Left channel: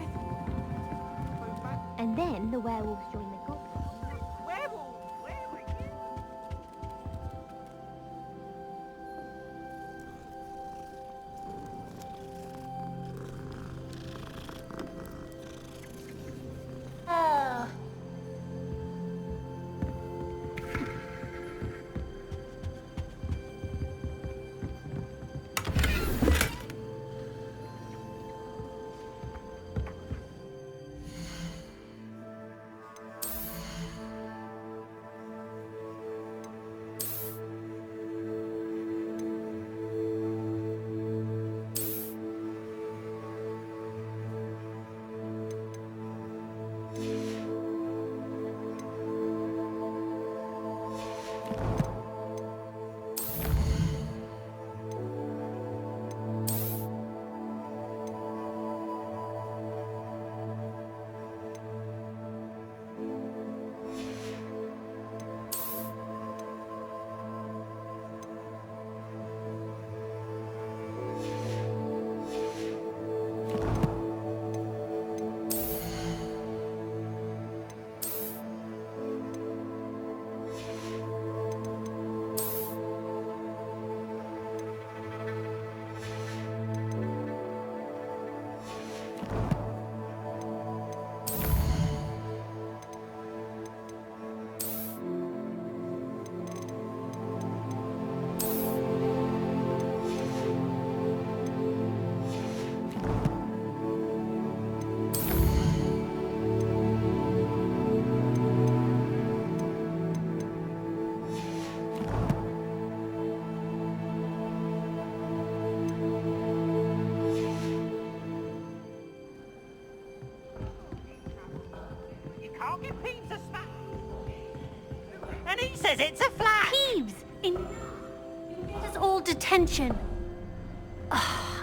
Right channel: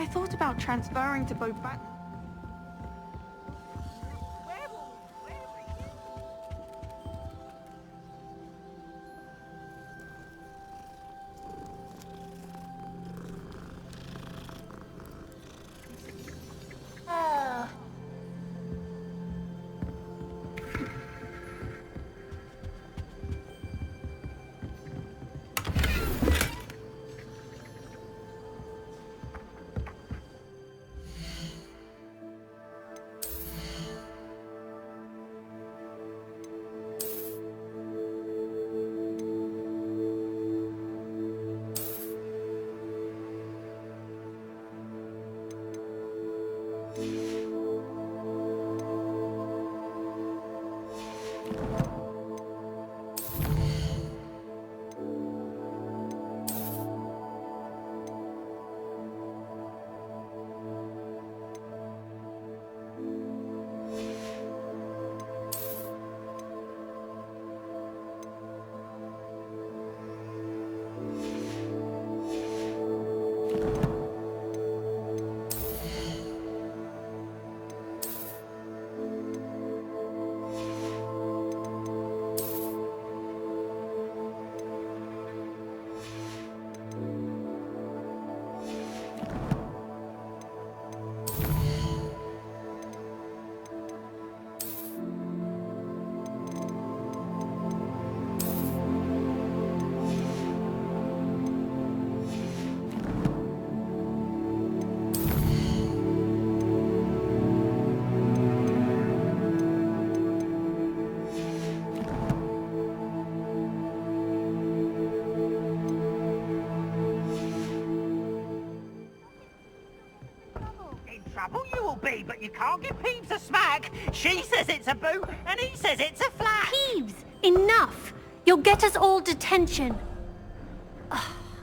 I thought about transferring to both back. And then the werewolves join the cult. Werewolf, where were you? Trouble you will be, but you can't give Peeves a smack. She says it's a boot, and he says it's a flat. Peeves! Enough! You'll get us all detention.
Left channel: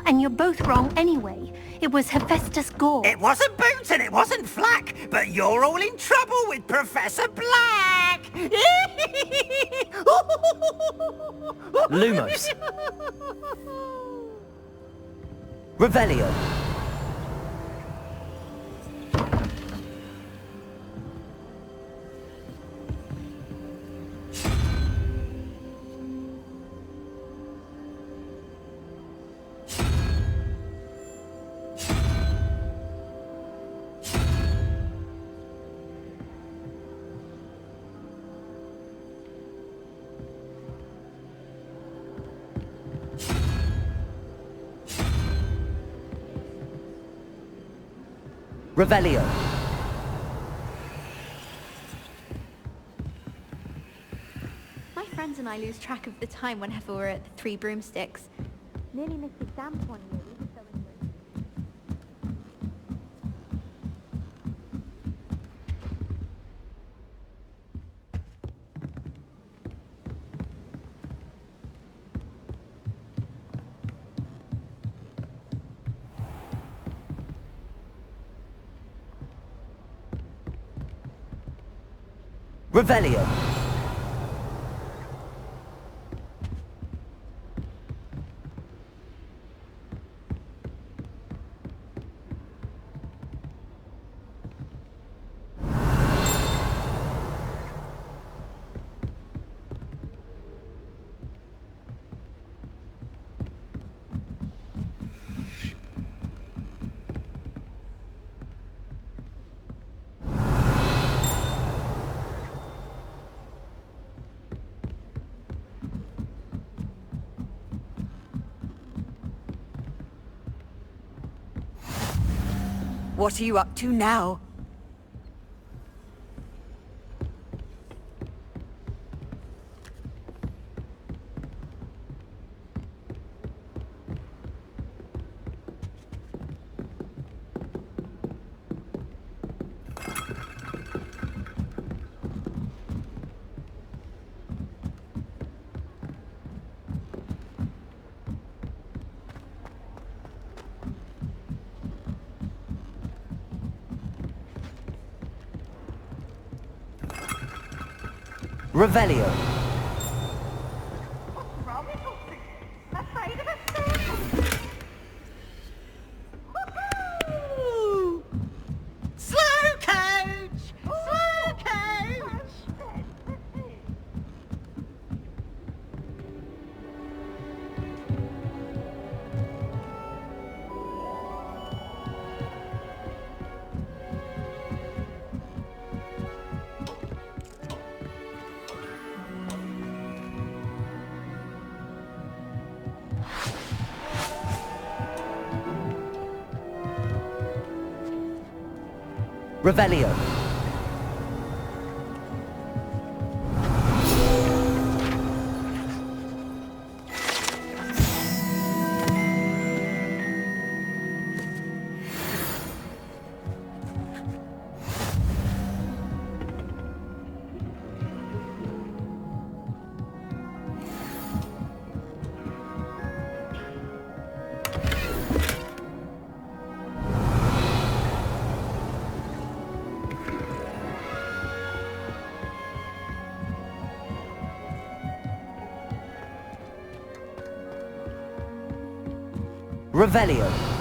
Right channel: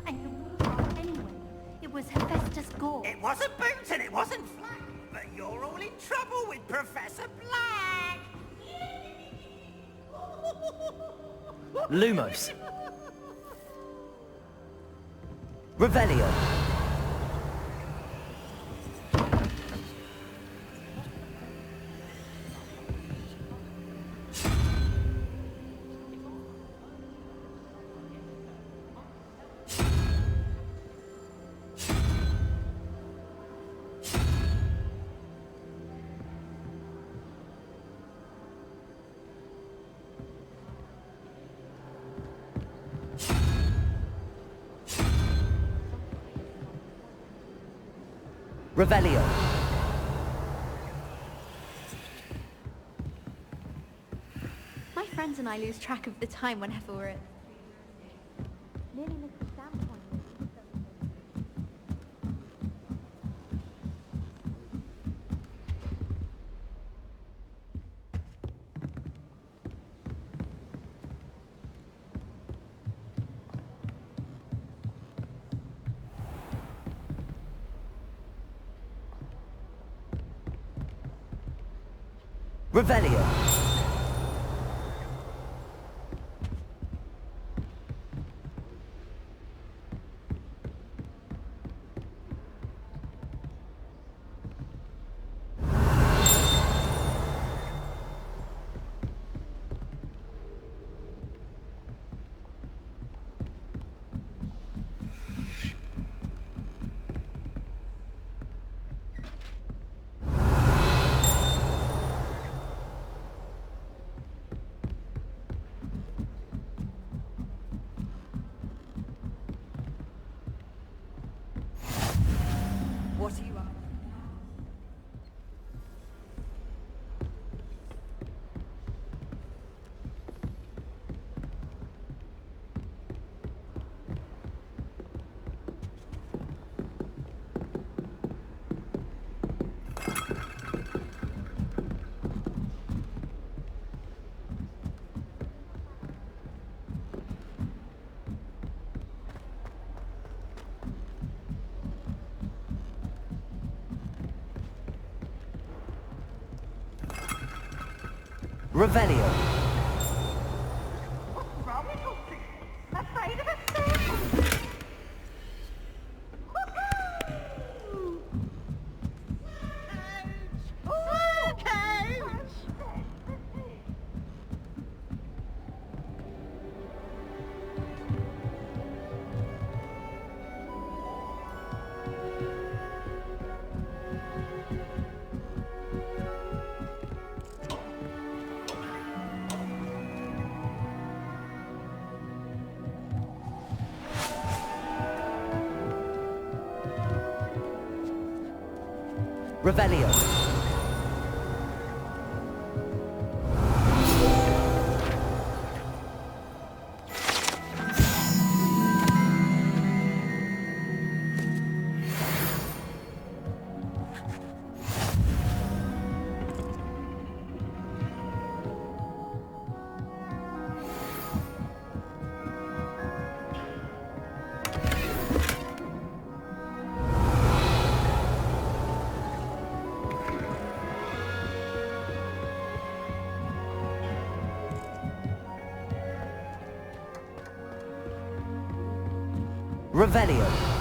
And you're both wrong anyway. It was Hephaestus Gore. It wasn't boots and it wasn't flack, but you're all in trouble with Professor Black. Lumos. Revelio. Revelio. My friends and I lose track of the time whenever we're at the Three Broomsticks. Nearly missed exam point here. We were so engrossed. Revelio. What are you up to now? Revelio. What's wrong with you? Afraid of a stick? Woohoo! Revelio. Revelio.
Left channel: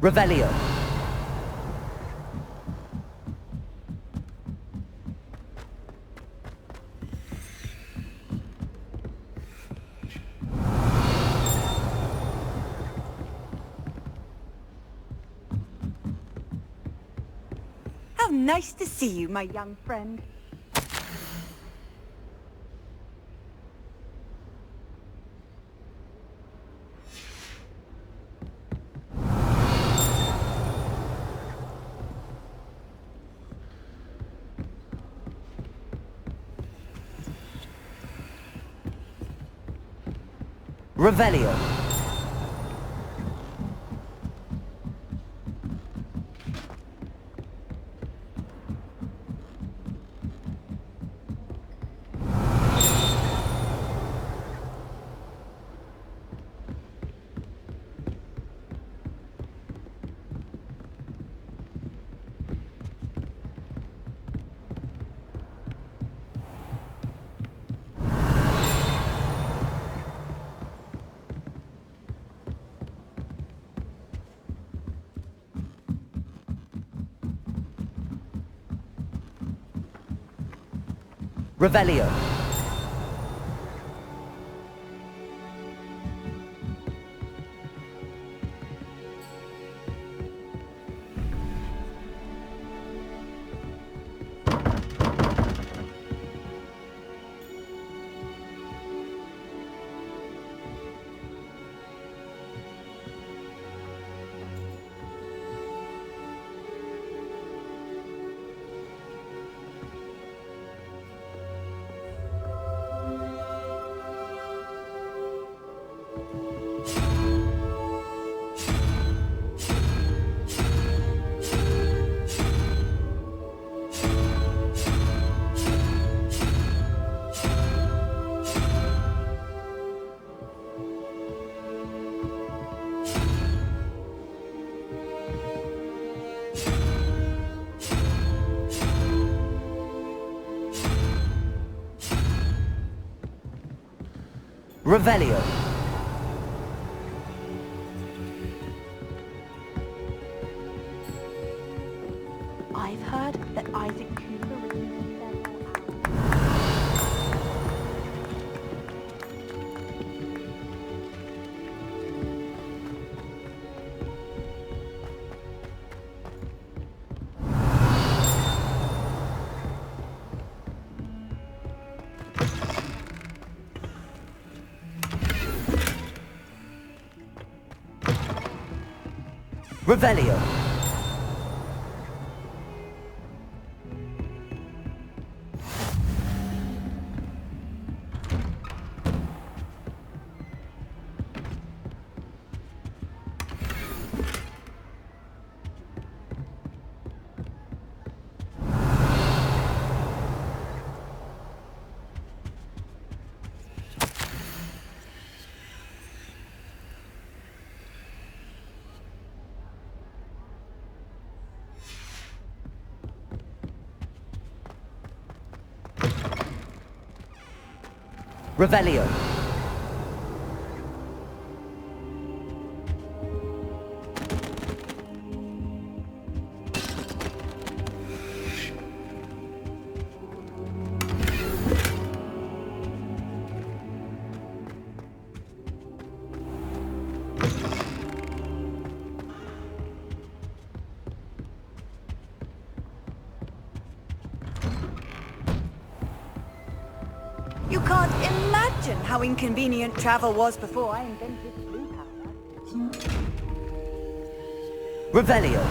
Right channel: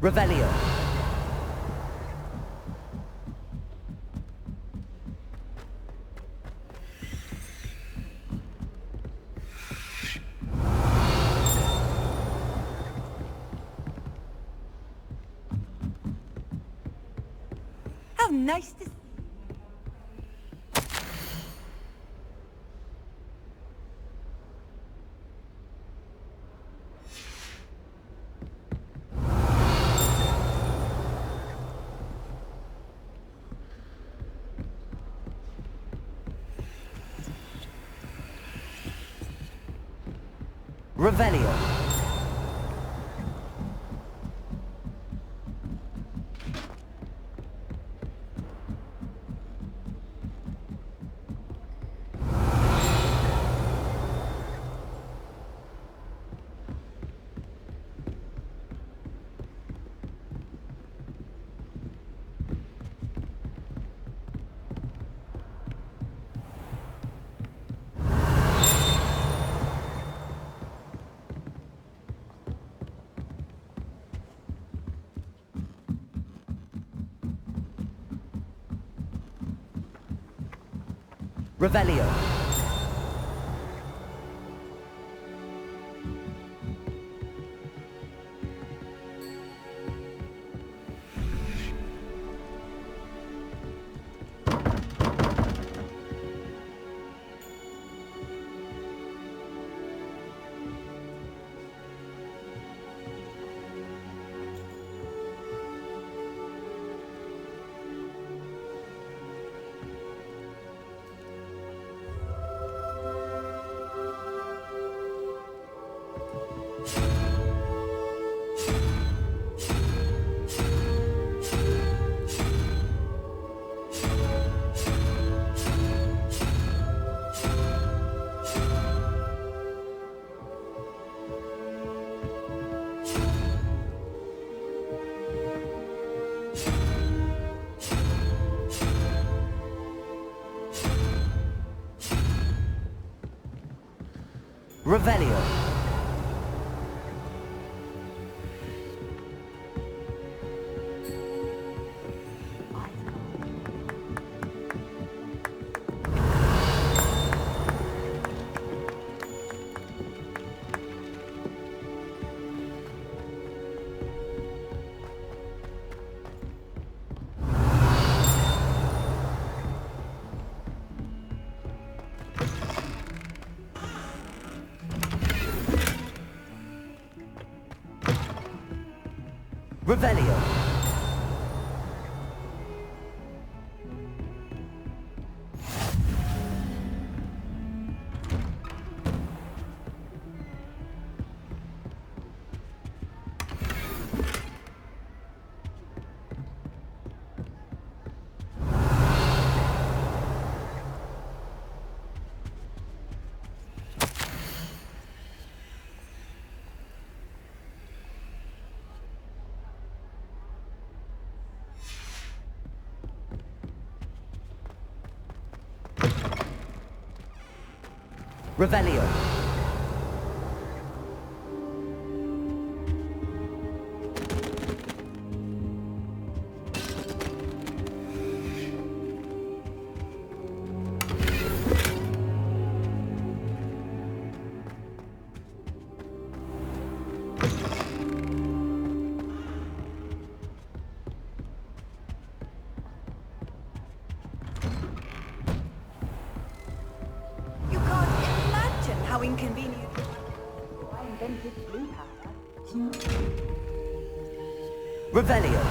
Revelio. How nice to see you, my young friend. Revelio. Revelio. Revelio. I've heard that Isaac Cooper Revelio. Revelio. You can't imagine how inconvenient travel was before I invented blue powder. Revelio.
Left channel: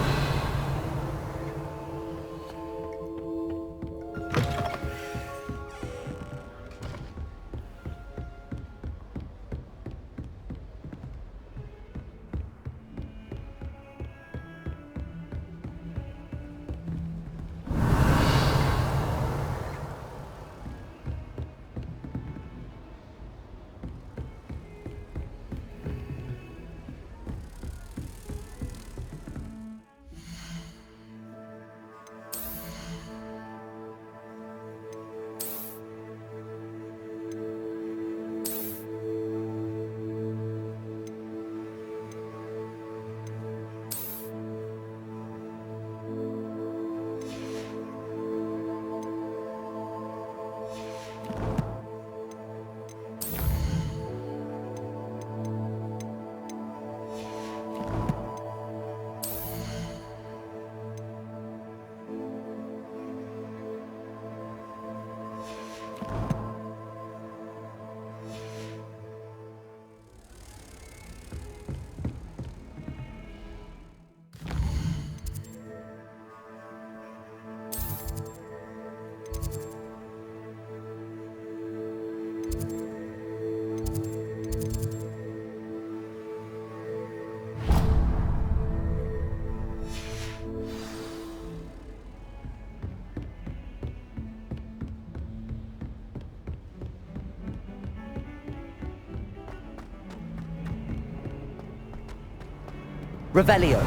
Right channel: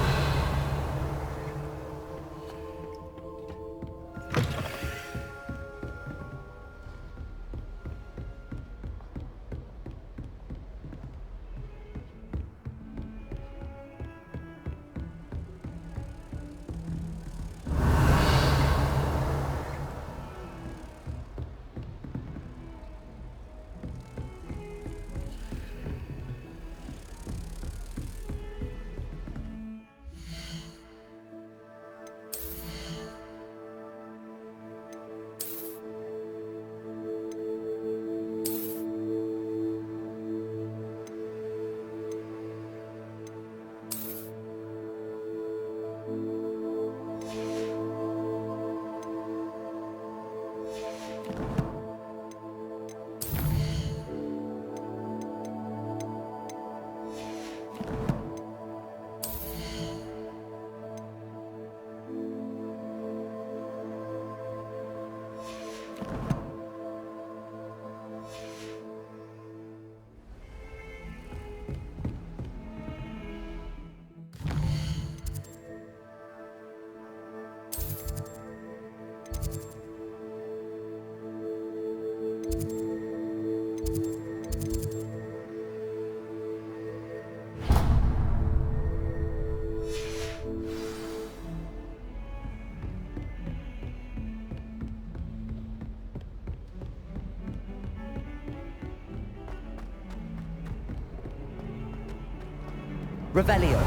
Revelio.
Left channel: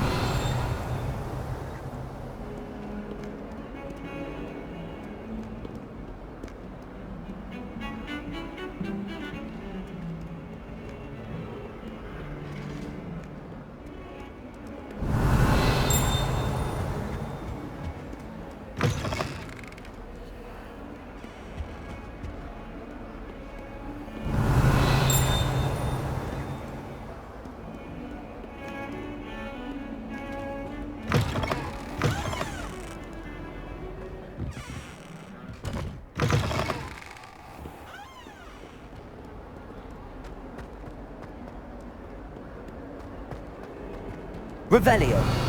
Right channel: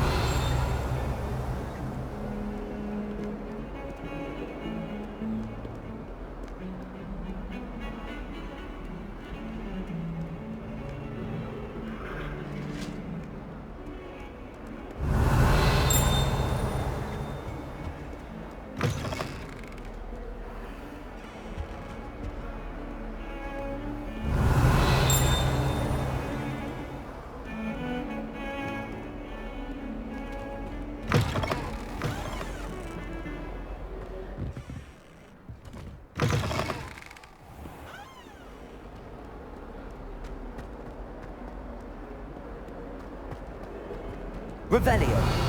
Revelio.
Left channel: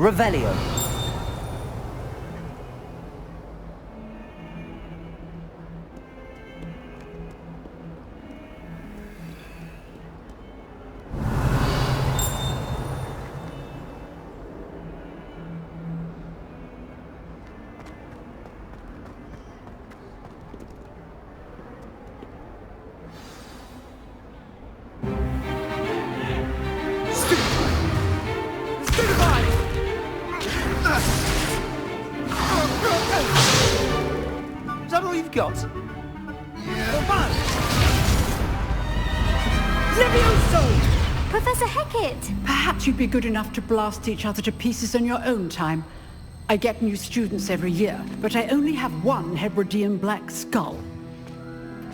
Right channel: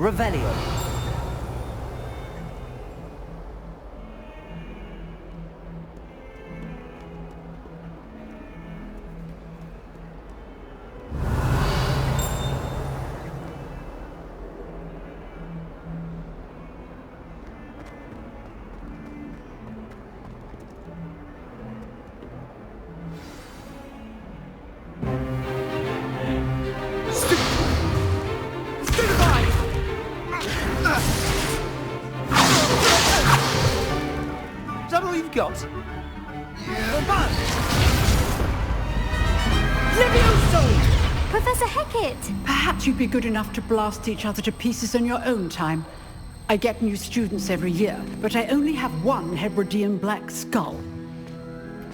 Revelio. you've got. Levioso! Professor Hecat! Perhaps you'd be good enough to blast each other to pieces in your own time. I get new students every year, but I only have one Hebridean black skull.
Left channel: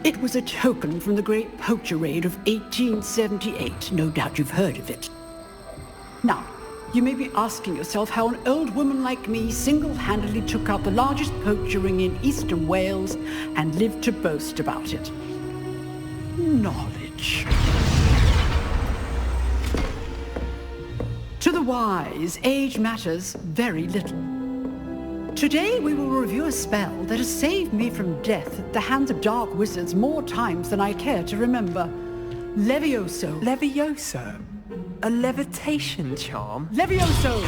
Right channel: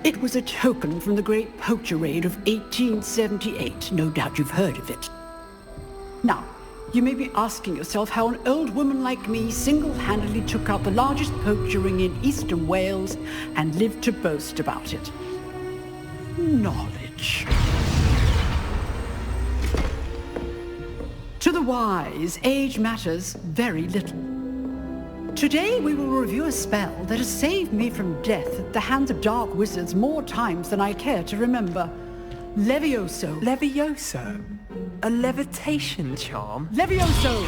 It was a token from the Great Poacher Raid of 1878. No doubt you've heard of it. Now, you may be asking yourself how an old woman like me single-handedly took out the largest poacher ring in eastern Wales and lived to boast about it. Knowledge. To the wise, age matters very little. Today we will review a spell that has saved me from death at the hands of dark wizards more times than I care to remember. Levioso. Levioso? A levitation charm? Levioso!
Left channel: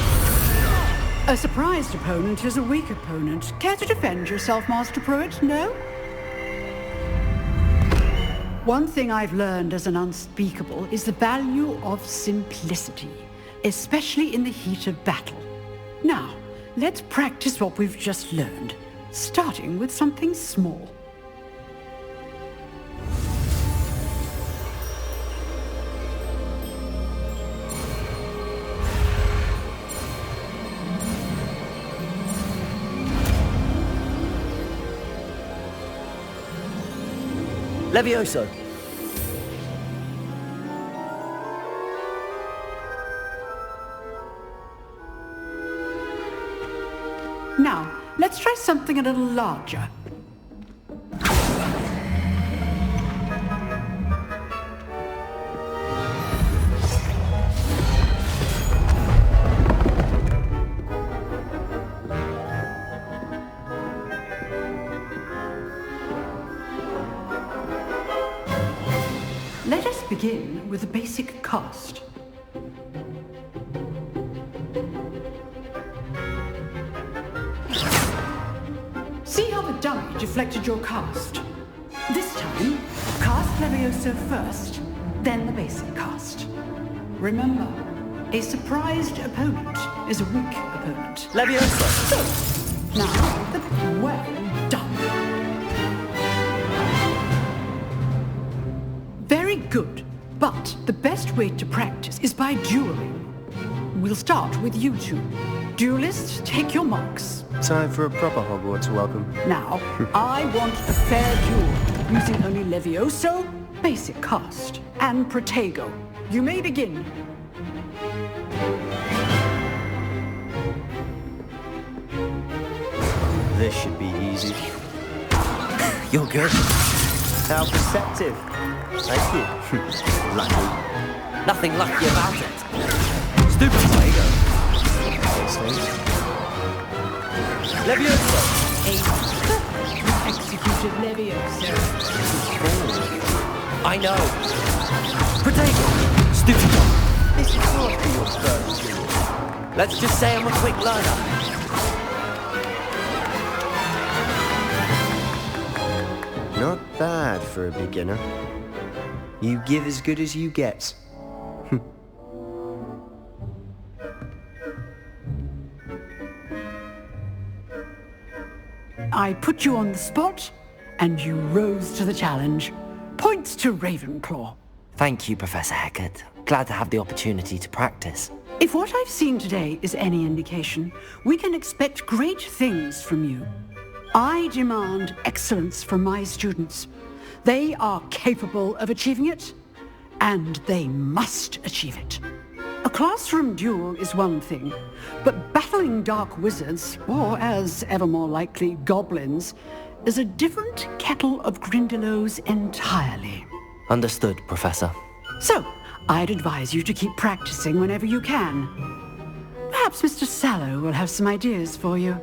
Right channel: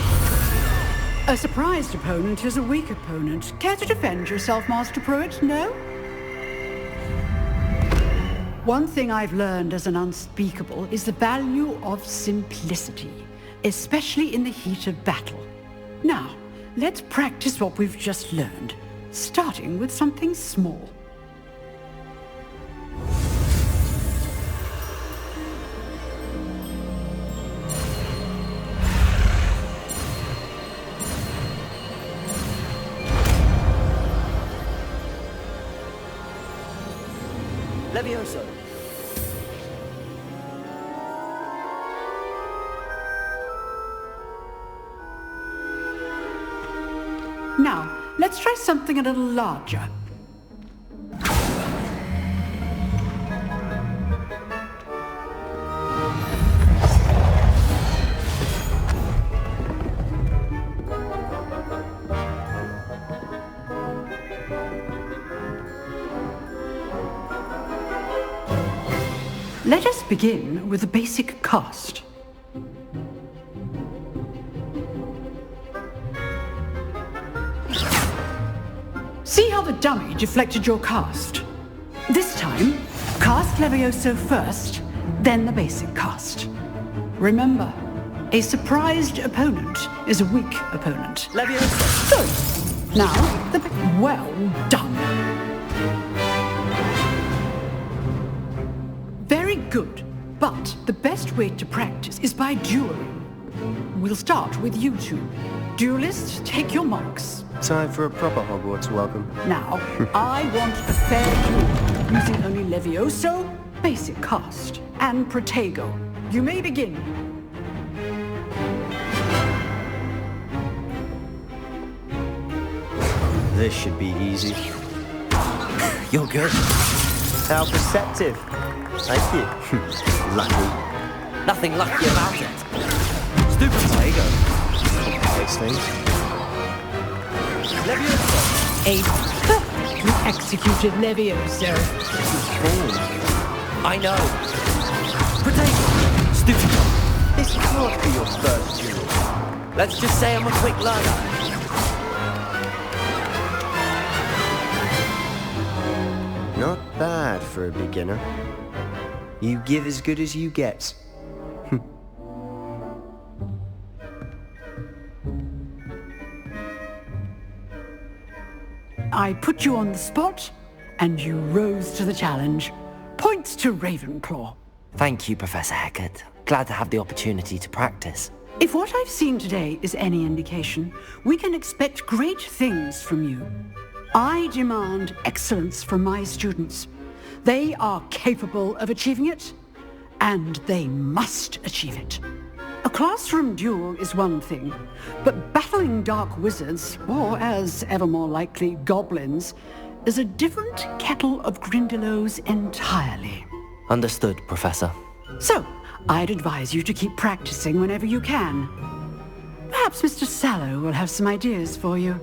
A surprised opponent is a weak opponent. Care to defend yourself, Master Pruitt? No? One thing I've learned as an unspeakable is the value of simplicity, especially in the heat of battle. Now, let's practice what we've just learned, starting with something small. Levioso. Now, let's try something a little larger. Let us begin with the basic cast. See how the dummy deflected your cast? This time, cast Levioso first, then the basic cast. Remember, a surprised opponent is a weak opponent. Levioso. So, now, well done. Very good, but the best way to practice is by dueling. We'll start with you two. Duelists, take your marks. Time for a proper Hogwarts welcome. Now, I want a fair duel, using only Levioso, basic cast, and Protego. You may begin. This should be easy. You're good. How perceptive. Thank you. Lucky. Nothing lucky about it. Stupid Protego. Those things. Levioso. A perfectly executed Levioso. I know. Protego. Stupid one. This can't be your first duel. Let's just say I'm a quick learner. Not bad for a beginner. You give as good as you get. I put you on the spot, and you rose to the challenge. Points to Ravenclaw. Thank you, Professor Hecat. Glad to have the opportunity to practice. If what I've seen today is any indication, we can expect great things from you. I demand excellence from my students. They are capable of achieving it, and they must achieve it. A classroom duel is one thing, but battling dark wizards, or as ever more likely, goblins, is a different kettle of Grindylows entirely. Understood, Professor. So, I'd advise you to keep practicing whenever you can. Perhaps Mr. Sallow will have some ideas for you.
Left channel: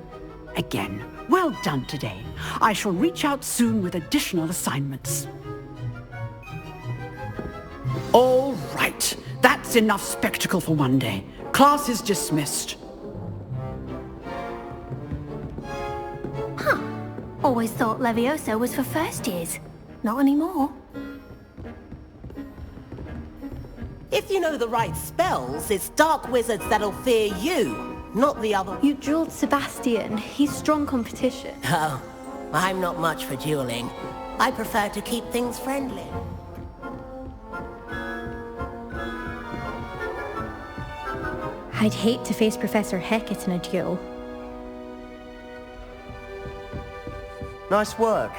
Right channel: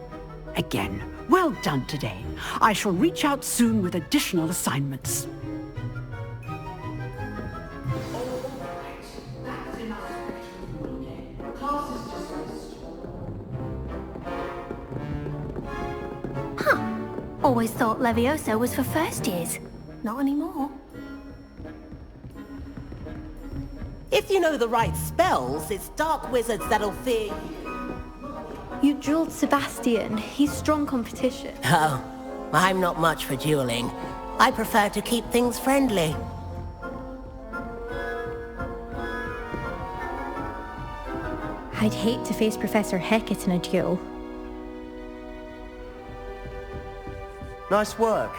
Again, well done today. I shall reach out soon with additional assignments. All right. That's enough spectacle for one day. Class is dismissed. Always thought Levioso was for first years. Not anymore. If you know the right spells, it's dark wizards that'll fear you, not the other. You dueled Sebastian. He's strong competition. Oh, I'm not much for dueling. I prefer to keep things friendly. I'd hate to face Professor Hecat in a duel. Nice work.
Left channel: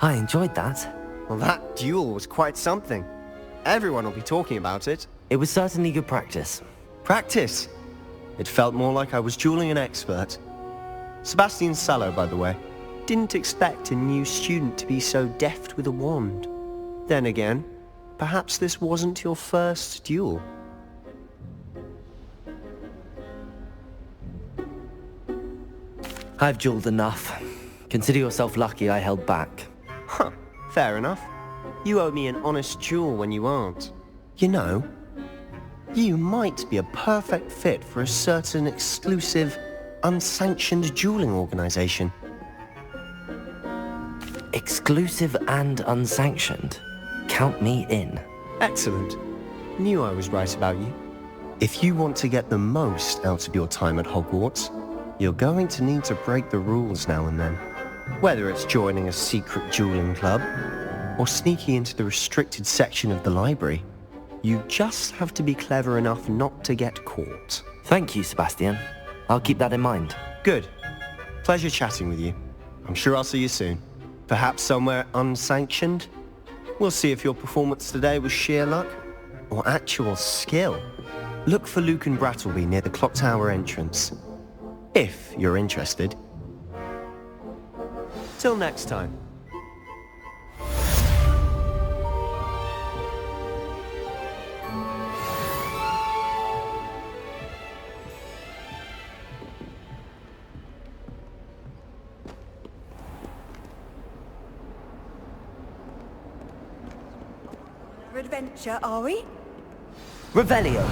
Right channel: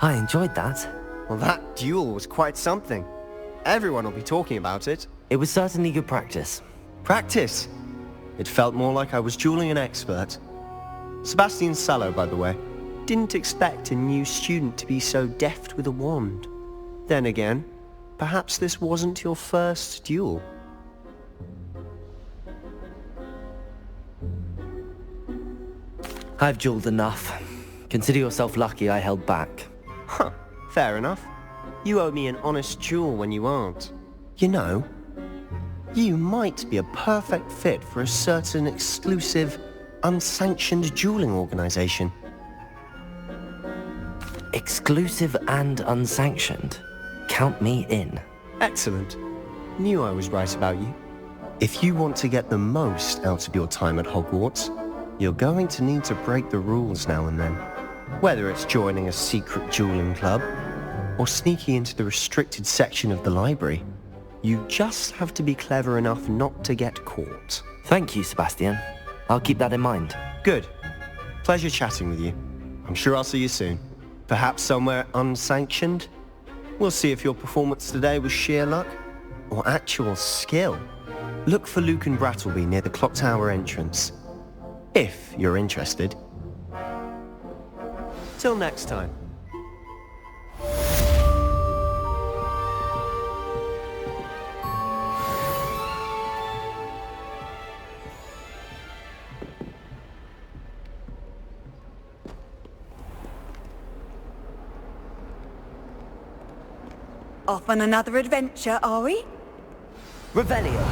I enjoyed that. Well, that duel was quite something. Everyone will be talking about it. It was certainly good practice. Practice? It felt more like I was dueling an expert. Sebastian Sallow, by the way. Didn't expect a new student to be so deft with a wand. Then again, perhaps this wasn't your first duel. I've dueled enough. Consider yourself lucky I held back. Huh, fair enough. You owe me an honest duel when you aren't. You know, you might be a perfect fit for a certain exclusive, unsanctioned dueling organization. Exclusive and unsanctioned. Count me in. Excellent. Knew I was right about you. If you want to get the most out of your time at Hogwarts, you're going to need to break the rules now and then. Whether it's joining a secret dueling club, or sneaking into the restricted section of the library, you just have to be clever enough not to get caught. Thank you, Sebastian. I'll keep that in mind. Good. Pleasure chatting with you. I'm sure I'll see you soon. Perhaps somewhere unsanctioned? We'll see if your performance today was sheer luck, or actual skill. Look for Luke and Brattleby near the clock tower entrance. If you're interested. Till next time. Off on another adventure, are we? Revelio.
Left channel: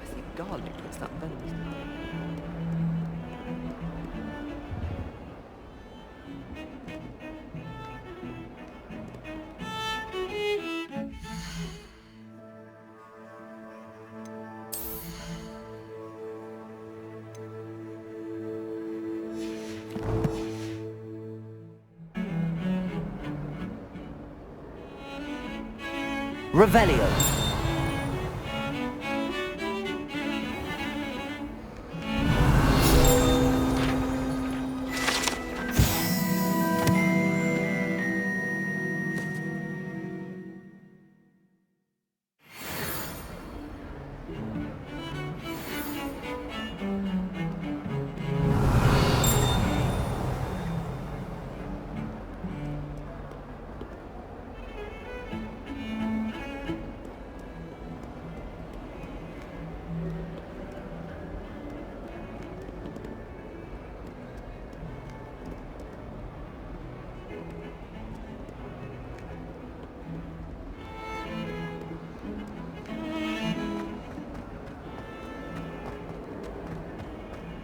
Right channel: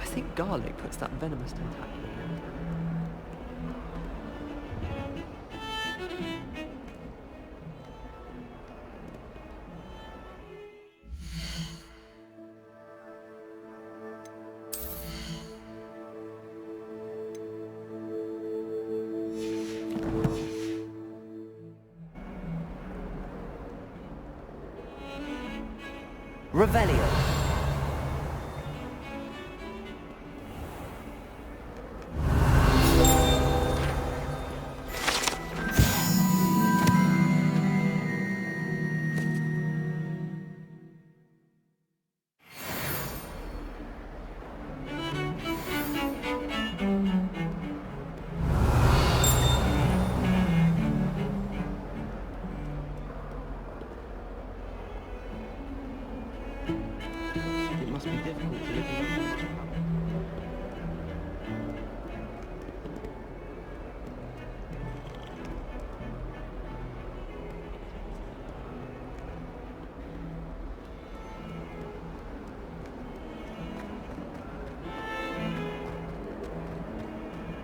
I think garlic puts that venomous to that. Revelio.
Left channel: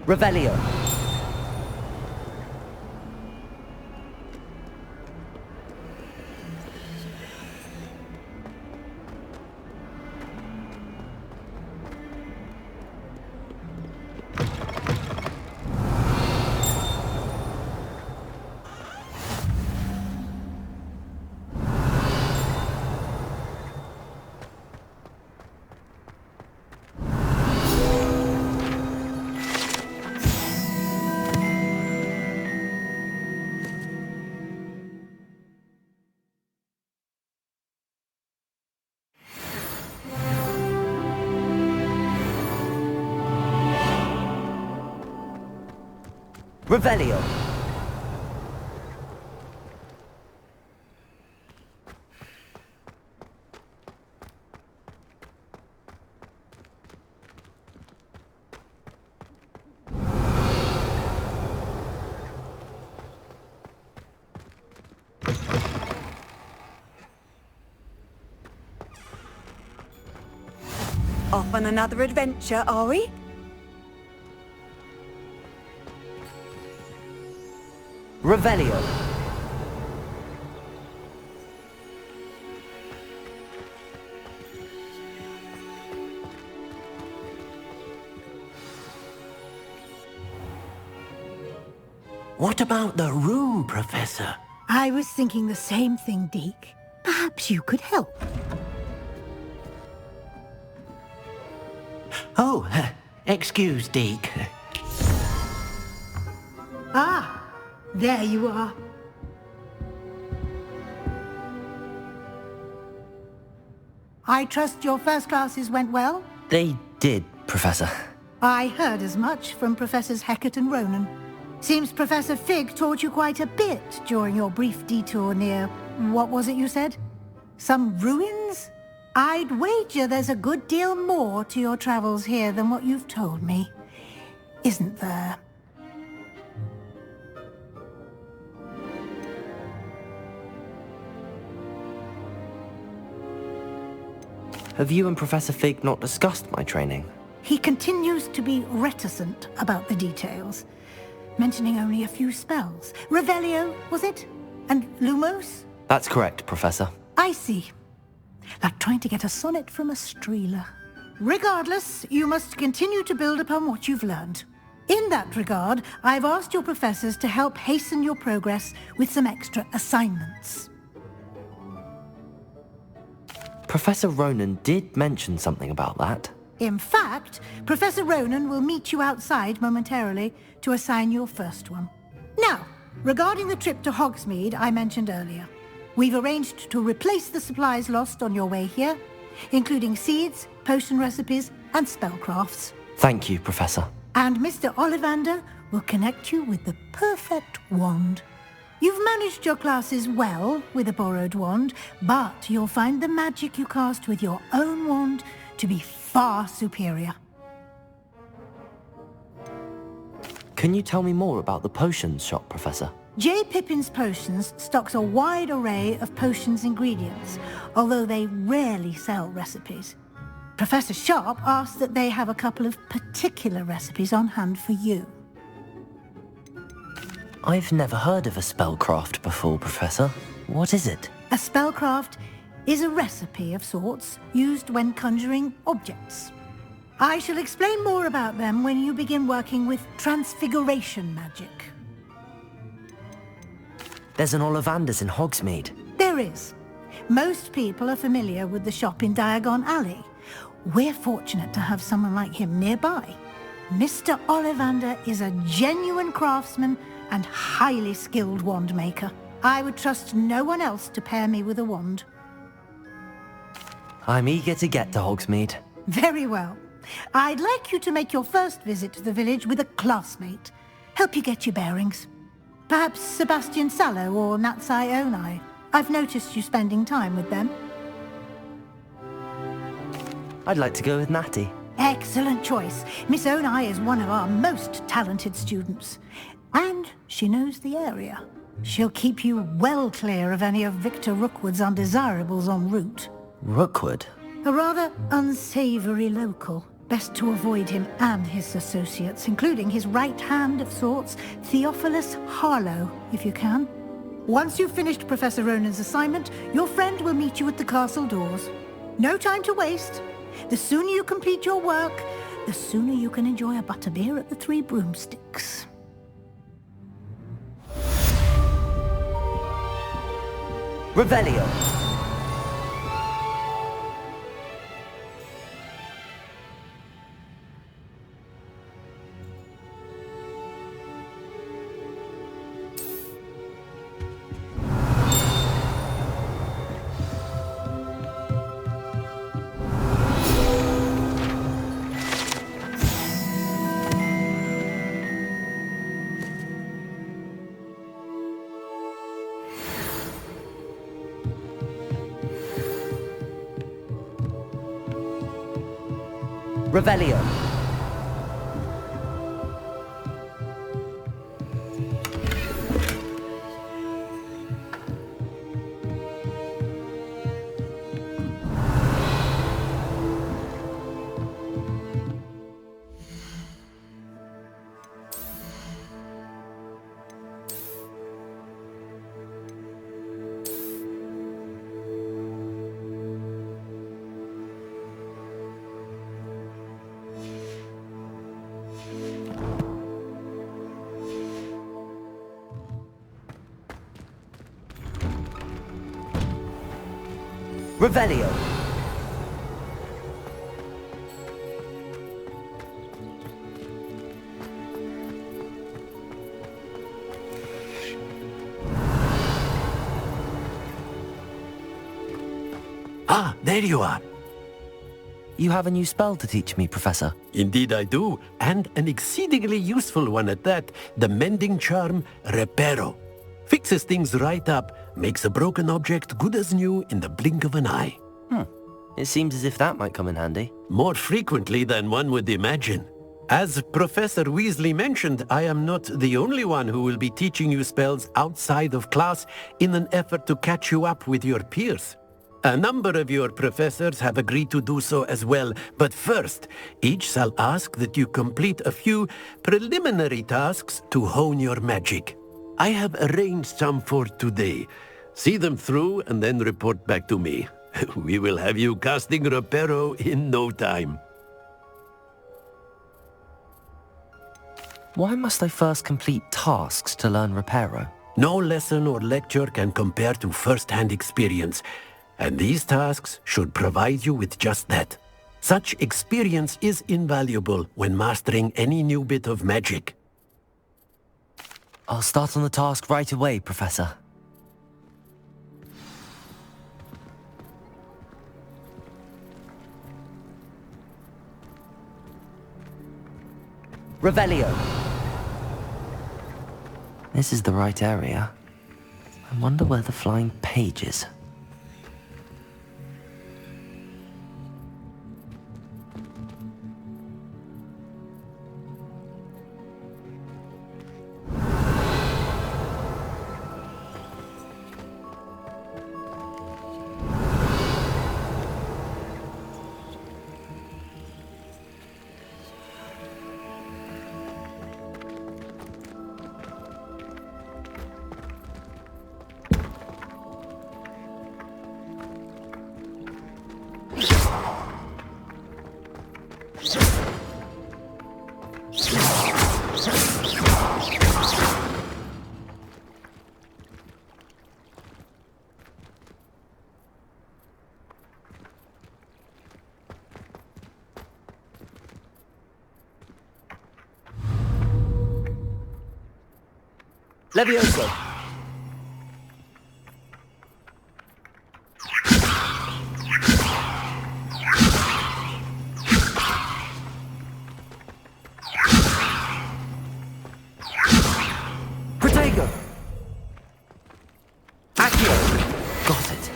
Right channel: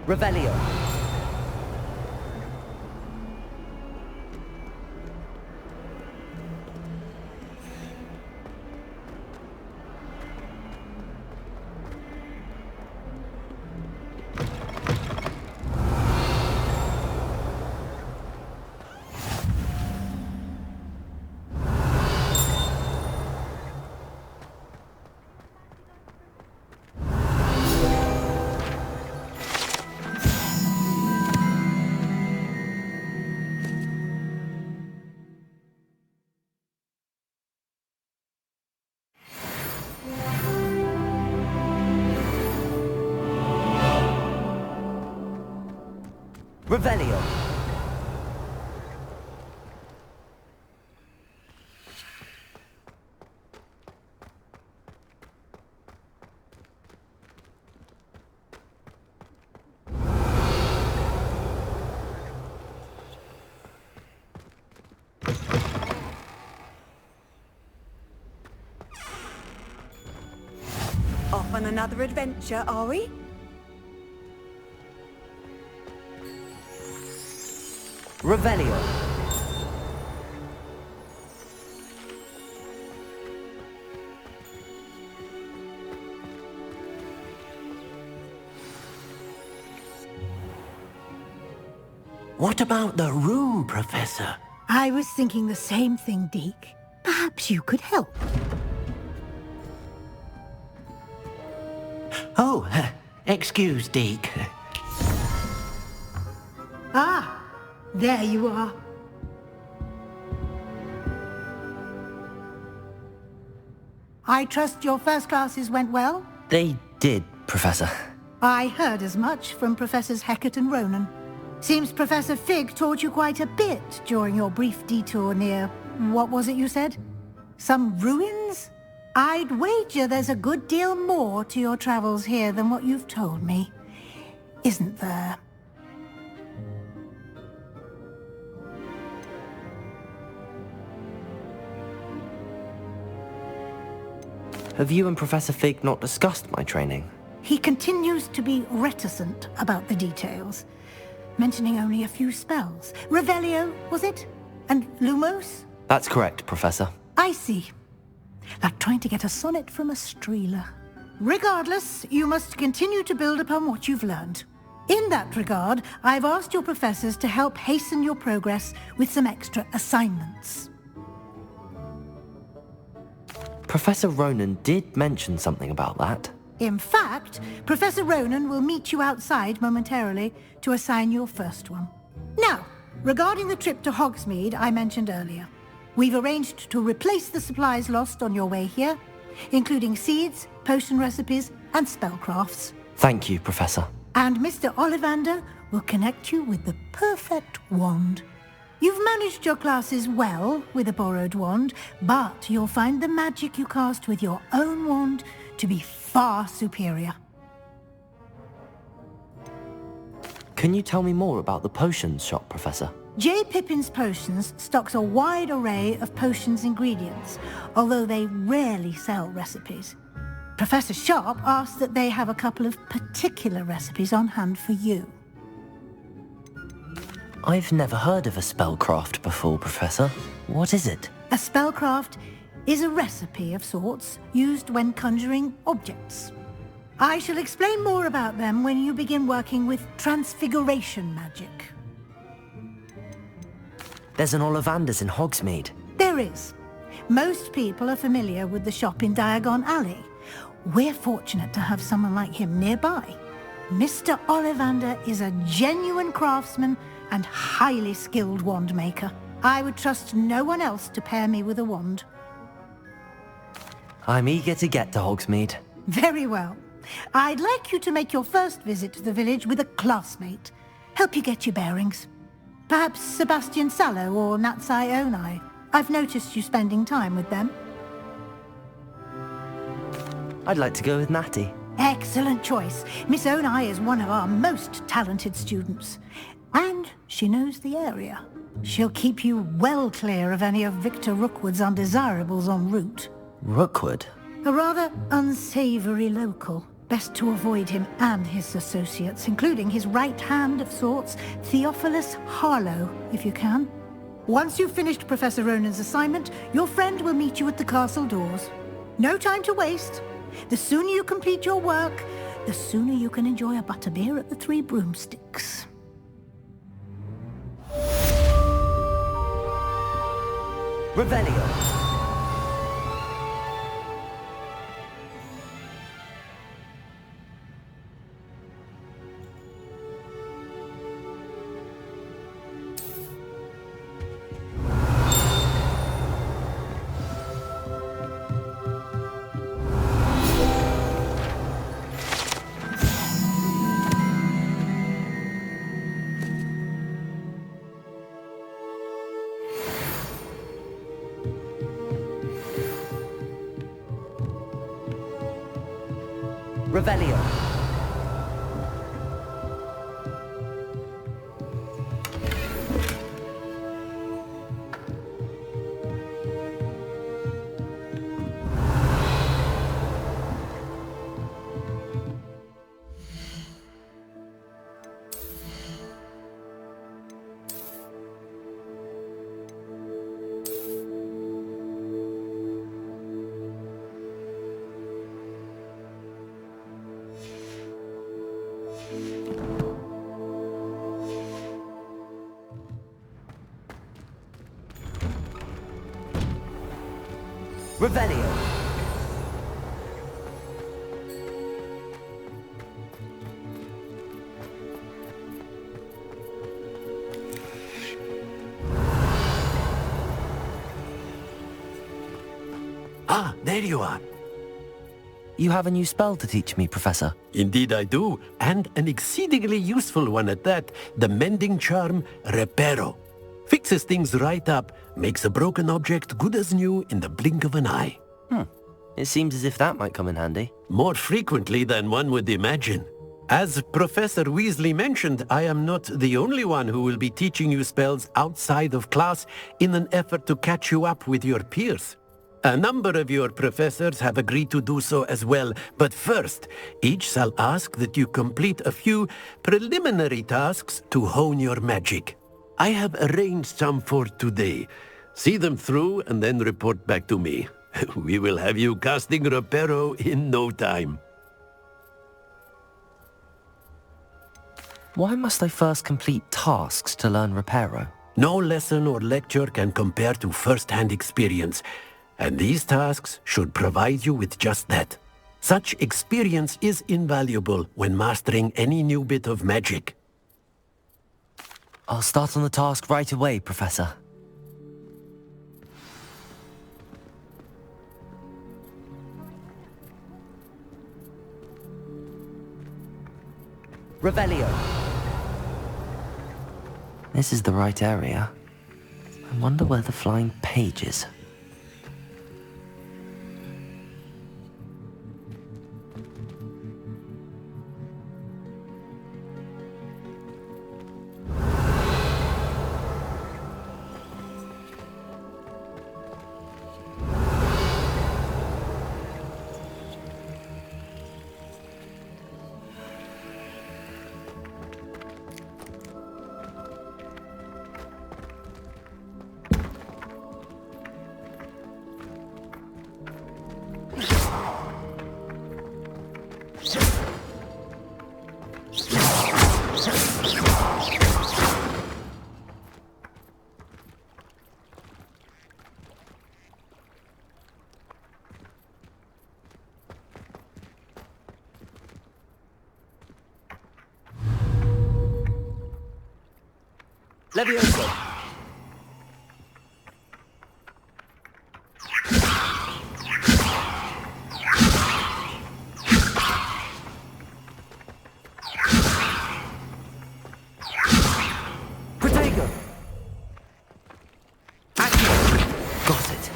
Revelio. Revelio. Off on another adventure, are we? Revelio. What about the room, Professor? I was thinking the same thing, Deke. Perhaps you could help. Oh, excuse, Deke. Ah, there you are. I trust your first classes went well? They did, Professor. I heard as much from Professors Hecat and Ronan. Seems Professor Fig taught you quite a bit during your brief detour near... what was it you said? Some ruins? I'd wager there's a good deal more to your travels here than what you've told me. Isn't there? Have you and Professor Fig not discussed my training? He continues to be reticent about the details, mentioning only a few spells. Revelio, was it? And Lumos? That's correct, Professor. I see. Like trying to get a sonnet from a streeler. Regardless, you must continue to build upon what you've learned. In that regard, I've asked your professors to help hasten your progress with some extra assignments. Professor Ronan did mention something about that. In fact, Professor Ronan will meet you outside momentarily to assign your first one. Now, regarding the trip to Hogsmeade I mentioned earlier, we've arranged to replace the supplies lost on your way here, including seeds, potion recipes, and spellcrafts. Thank you, Professor. And Mr. Ollivander will connect you with the perfect wand. You've managed your classes well with a borrowed wand, but you'll find the magic you cast with your own wand to be far superior. Can you tell me more about the potions shop, Professor? J. Pippin's Potions stocks a wide array of potions ingredients, although they rarely sell recipes. Professor Sharp asked that they have a couple of particular recipes on hand for you. I've never heard of a spellcraft before, Professor. What is it? A spellcraft is a recipe of sorts used when conjuring objects. I shall explain more about them when you begin working with transfiguration magic. There's an Ollivander's in Hogsmeade. There is. Most people are familiar with the shop in Diagon Alley. We're fortunate to have someone like him nearby. Mr. Ollivander is a genuine craftsman and highly skilled wand maker. I would trust no one else to pair me with a wand. I'm eager to get to Hogsmeade. Very well. I'd like you to make your first visit to the village with a classmate. Help you get your bearings. Perhaps Sebastian Sallow or Natsai Onai. I've noticed you spending time with them. I'd like to go with Natty. Excellent choice. Miss Onai is one of our most talented students. And she knows the area. She'll keep you well clear of any of Victor Rookwood's undesirables en route. Rookwood? A rather unsavory local. Best to avoid him and his associates, including his right hand of sorts, Theophilus Harlow, if you can. Once you've finished Professor Ronan's assignment, your friend will meet you at the castle doors. No time to waste. The sooner you complete your work, the sooner you can enjoy a butterbeer at the Three Broomsticks. Revelio. Revelio. Revelio. Ah, there you are. You have a new spell to teach me, Professor. Indeed I do, and an exceedingly useful one at that. The mending charm, Reparo. Fixes things right up, makes a broken object good as new in the blink of an eye. It seems as if that might come in handy. More frequently than one would imagine. As Professor Weasley mentioned, I am not the only one who will be teaching you spells outside of class in an effort to catch you up with your peers. A number of your professors have agreed to do so as well, but first, each shall ask that you complete a few preliminary tasks to hone your magic. I have arranged some for today. See them through and then report back to me. We will have you casting Reparo in no time. Why must I first complete tasks to learn Reparo? No lesson or lecture can compare to first-hand experience, and these tasks should provide you with just that. Such experience is invaluable when mastering any new bit of magic. I'll start on the task right away, Professor. Revelio. This is the right area. I wonder where the flying page is. Levioso. Protego. Accio. Got it.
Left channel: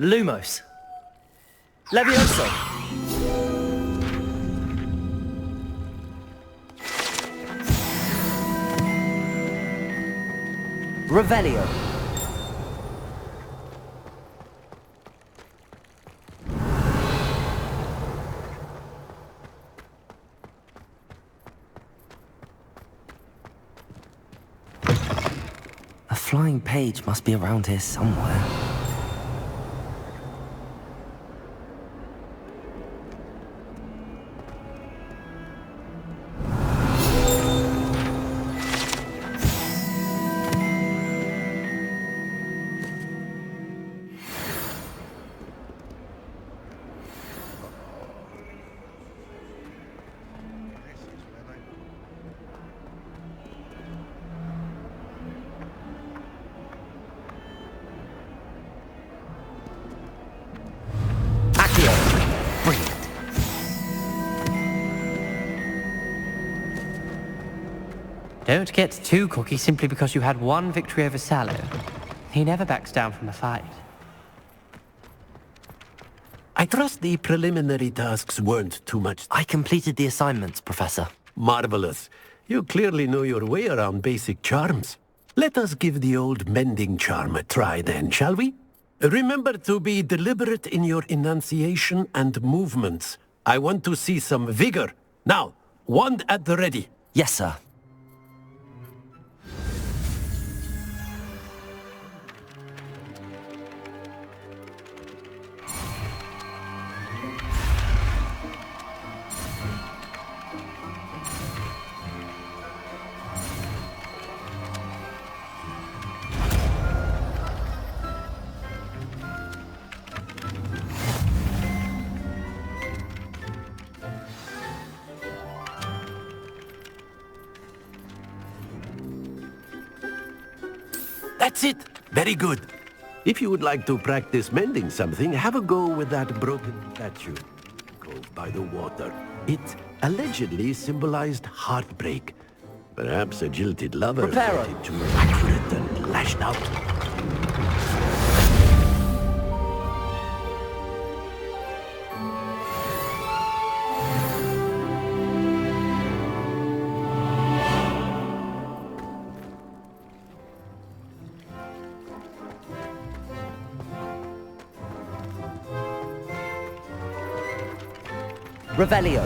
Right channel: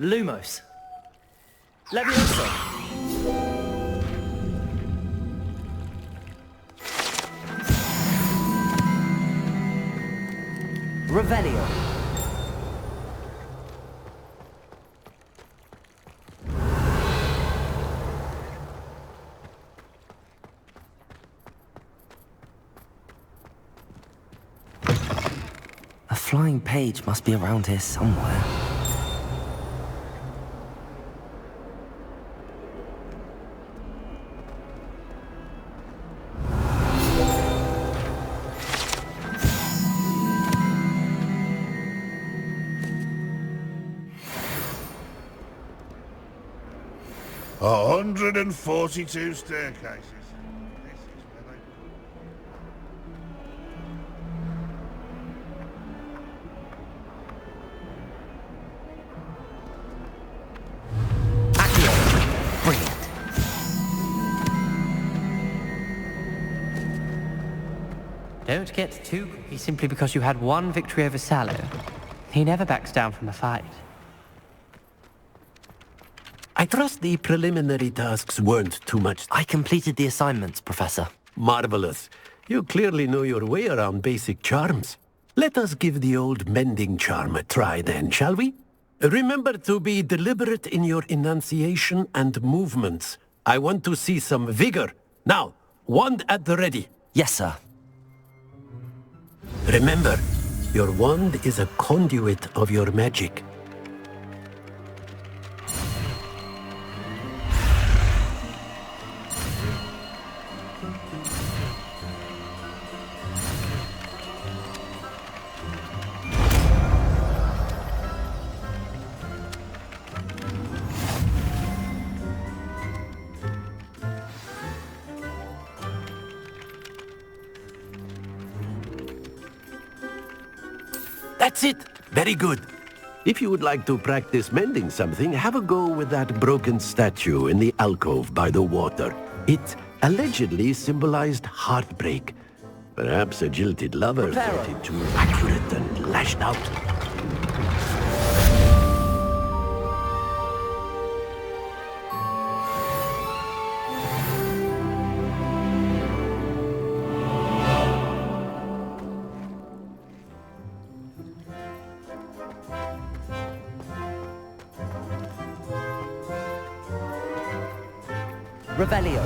Lumos. Levioso. Revelio. A flying page must be around here somewhere. A 142 staircases. This is where they put Accio. Brilliant. Don't get too cocky simply because you had one victory over Sallow. He never backs down from a fight. I trust the preliminary tasks weren't too much. I completed the assignments, Professor. Marvelous. You clearly know your way around basic charms. Let us give the old mending charm a try then, shall we? Remember to be deliberate in your enunciation and movements. I want to see some vigor. Now, wand at the ready. Yes, sir. Remember, your wand is a conduit of your magic. That's it. Very good. If you would like to practice mending something, have a go with that broken statue in the alcove by the water. It allegedly symbolized heartbreak. Perhaps a jilted lover thought it too accurate and lashed out. Revelio.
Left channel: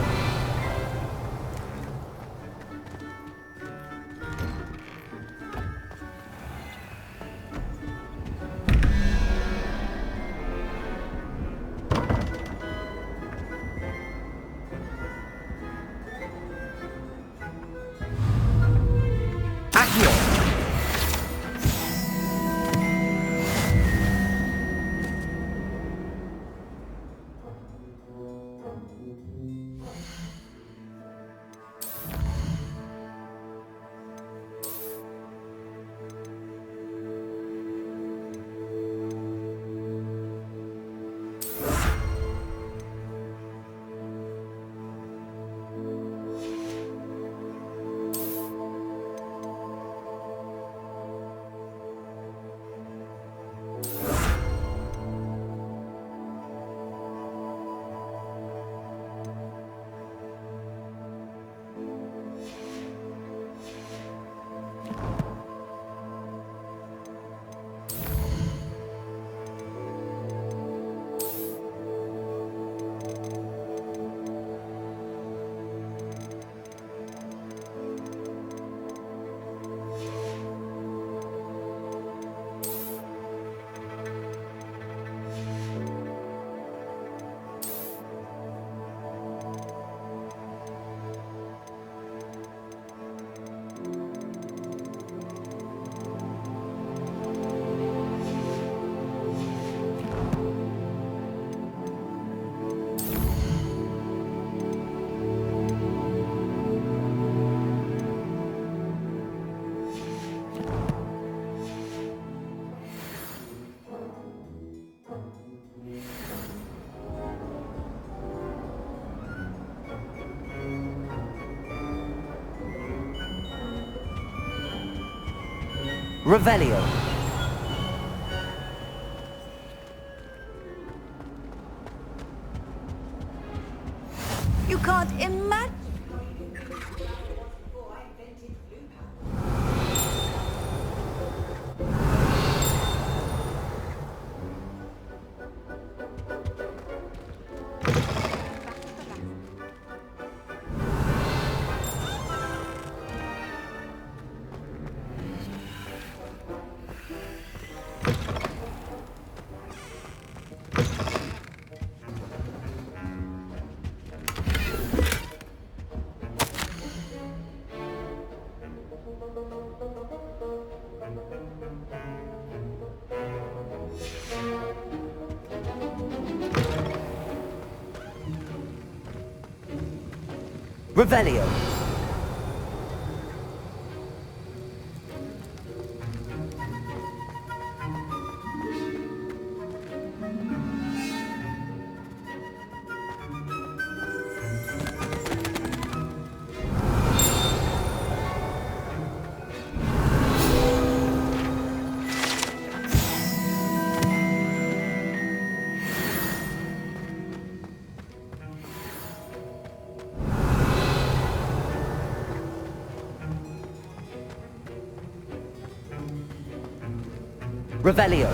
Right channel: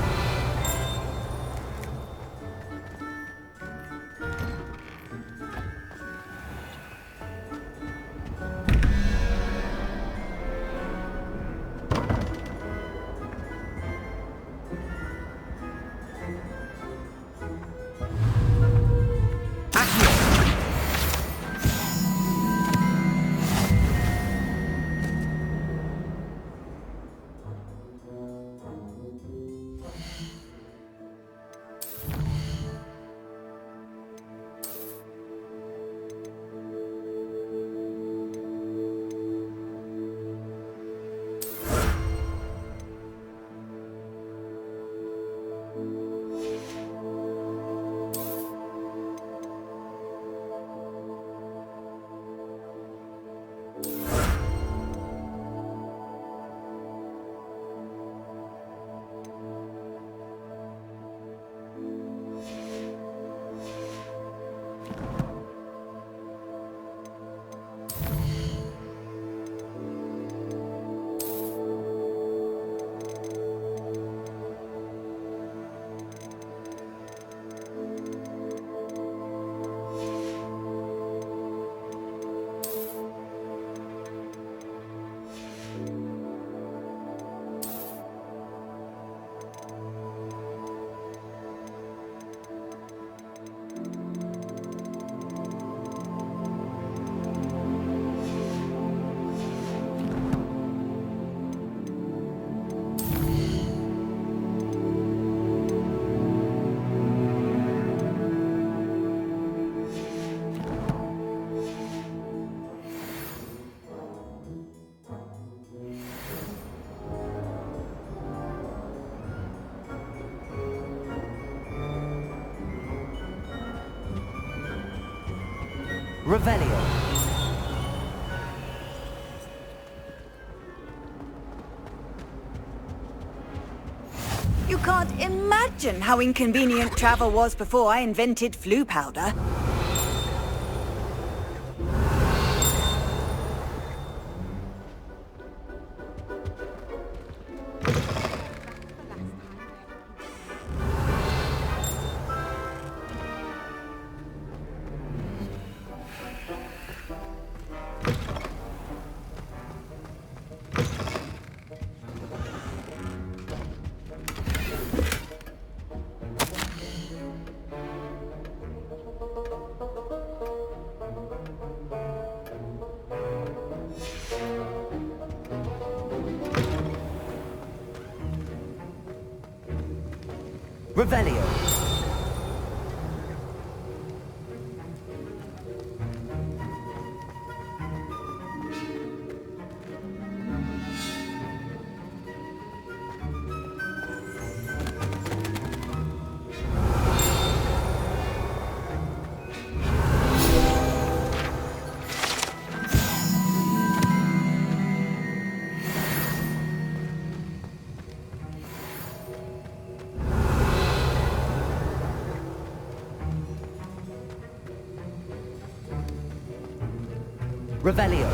Revelio. You can't imagine how inconvenient travel was before I invented flu powder. Revelio. Revelio.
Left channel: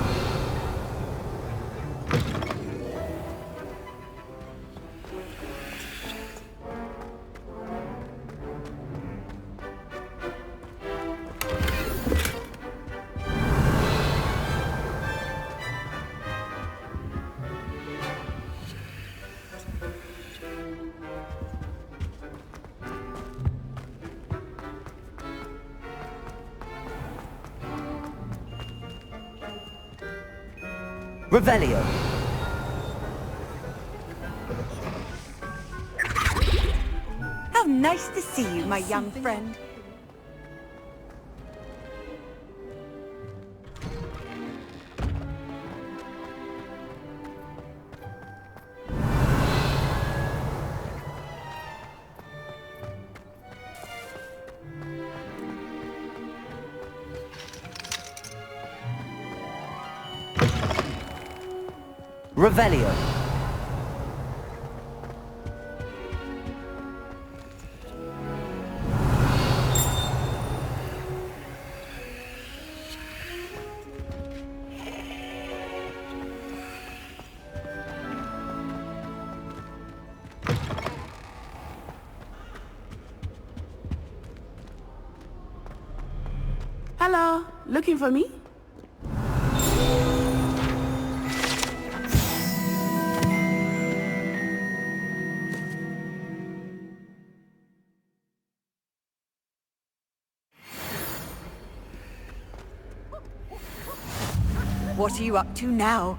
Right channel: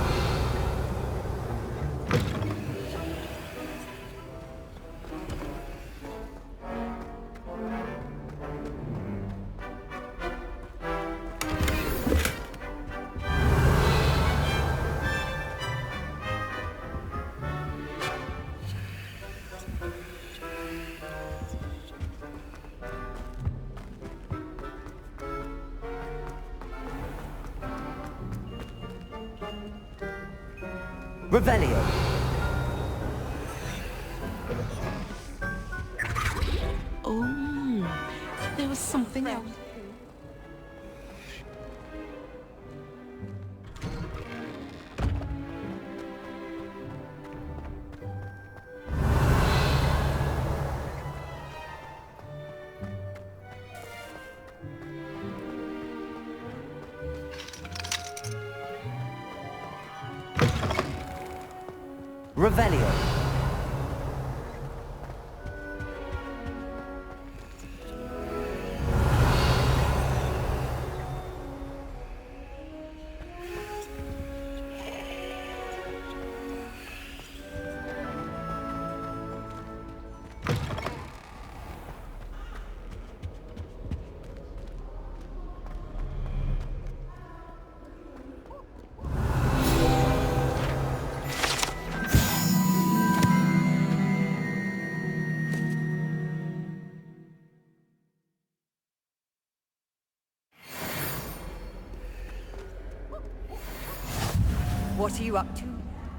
Revelio. Oh, how nice to see you, my young friend. Revelio. Hello, looking for me? What are you up to now?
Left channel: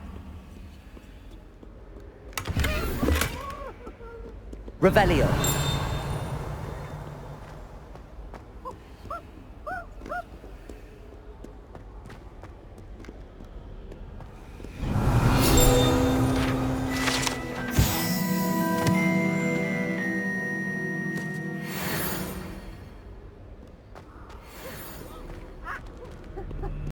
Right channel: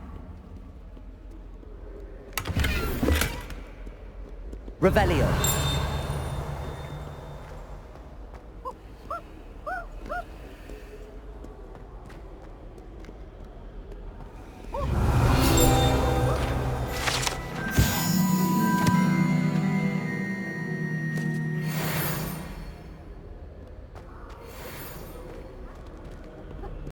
Revelio.